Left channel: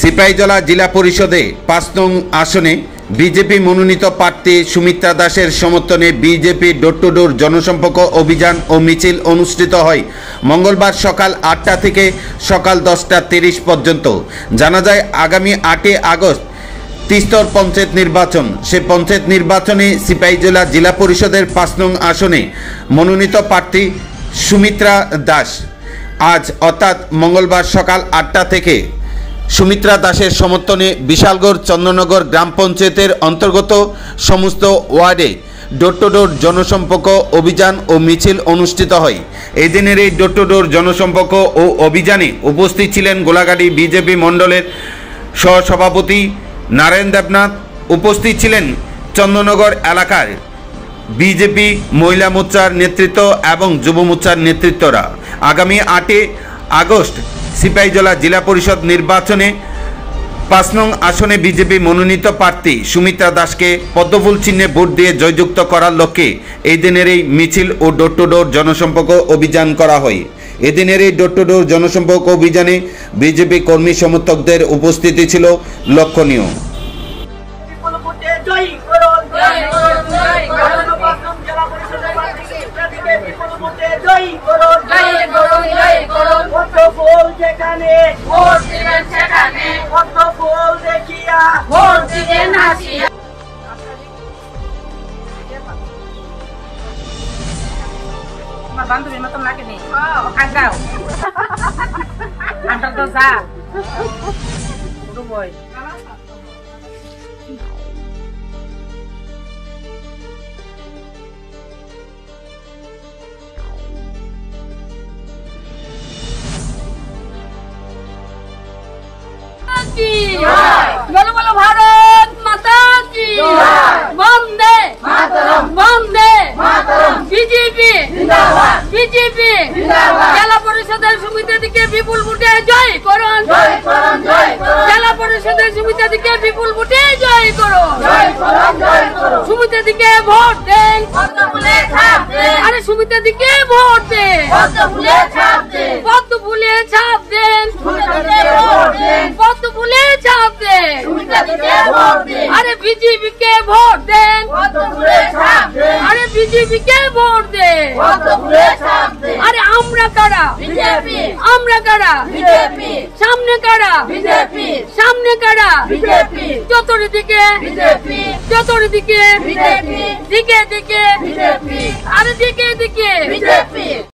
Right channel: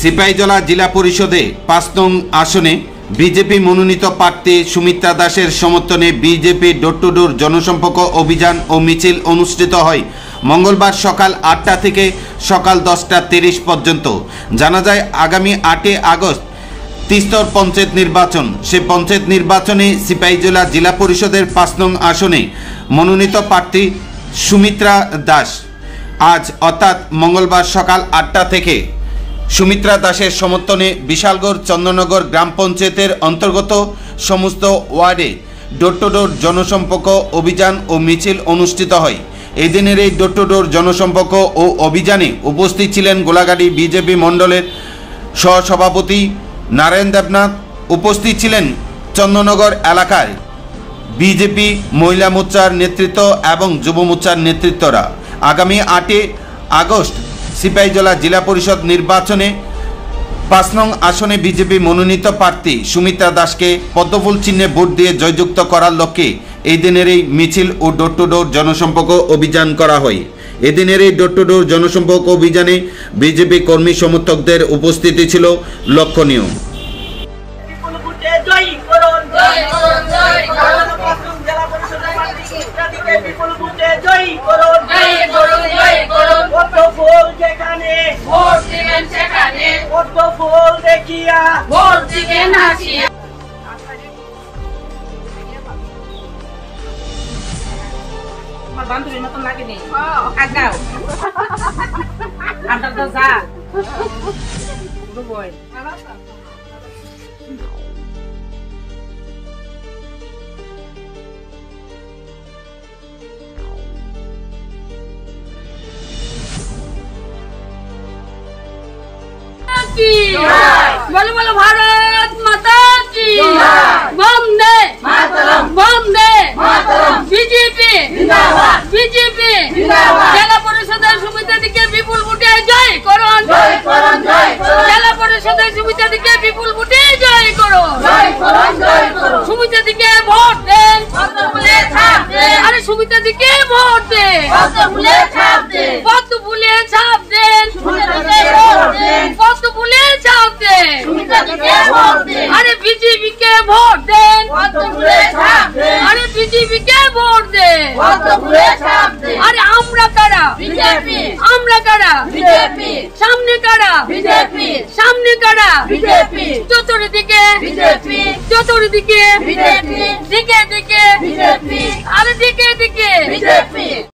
সিপাহীজলা জিলা পরিষদে ৫ নং আসনে বিজেপি মনোনীত প্রার্থী সুমিত্রা দাসের সমর্থনে বিজেপি ডোর টু ডোর জনসম্পর্ক অভিযান ও মিছিল অনুষ্ঠিত হয় মঙ্গলবার সকাল ৮টা থেকে সকাল ১০টা ৩০ পর্যন্ত। জানা যায় আগামী ৮ আগস্ট তিস্তর পঞ্চায়েত নির্বাচন। সে পঞ্চায়েত নির্বাচনে সিপাহীজলা জিলা পরিষদের ৫ নং আসনে মনোনীত প্রার্থী সুমিত্রা দাস আজ অর্থাৎ মঙ্গলবার সকাল ৮টা থেকে সুমিত্রা দাসের সমর্থনে বিশালগড় চন্দ্রনগর গ্রাম পঞ্চায়েতের অন্তর্গত সমস্ত ওয়ার্ডে ডোর টু ডোর জনসম্পর্ক অভিযান ও মিছিল অনুষ্ঠিত হয়। এই দিনের এই ডোর টু ডোর জনসম্পর্ক ও অভিযানে উপস্থিত ছিলেন গোলাঘাটি বিজেপি মণ্ডলের সহসভাপতি নারায়ণ দেবনাথ। উপস্থিত ছিলেন চন্দ্রনগর এলাকার বিজেপি মহিলা মোর্চার নেতৃত্ব এবং যুব মোর্চার নেতৃত্বরা। আগামী ৮ আগস্ট সিপাহীজলা জিলা পরিষদ নির্বাচনে ৫ নং আসনে বিজেপি মনোনীত প্রার্থী সুমিত্রা দাসকে পদ্মফুল চিহ্নে ভোট দিয়ে জয়যুক্ত করার লক্ষ্যে এই দিনের এই মিছিল ও ডোর টু ডোর জনসম্পর্ক অভিযান করা হয়। এদিনের এই ডোর টু ডোর জনসম্পর্ক অভিযানে বিজেপি কর্মী সমর্থকদের উপস্থিতি ছিল লক্ষণীয়। বান্ধবীর মতন লাগে নি আগাও আমরা তো যা দুবই বলো বলো ভারত মাতা কি বন্দে মাতরম বন্দে মাতরম বিজেপি জিন্দাবাদ বিজেপি জিন্দাবাদ জেলা পরিষদের সমিতিকে বিপুল ভোটে জয় করুন জয় করুন জয় করুন জেলা পরিষদের সমিতিকে বিপুল ভোটে জয় করুন জয় করুন জয় করুন সমিতিকে ভোট দেন পদ্মফুলে ছাপ দেন আরে সমিতিকে ভোট দেন পদ্মফুলে ছাপ দেন পদ্মফুলে ছাপ দেন সমিতিকে ভোট দেন পদ্মফুলে ছাপ দেন সমিতিকে ভোট দেন আরে বিজেপি কে ভোট দেন পদ্মফুলে ছাপ দেন আরে বিজেপি কে ভোট দেন পদ্মফুলে ছাপ দেন আরে আমরা কারা বিজেপি আমরা কারা বিজেপি সামনে কারা বিজেপি সামনে কারা বিজেপি চতুর্দিকে বিজেপি চতুর্দিকে বিজেপি দিকে দিকে বিজেপি আরে দিকে দিকে বিজেপি।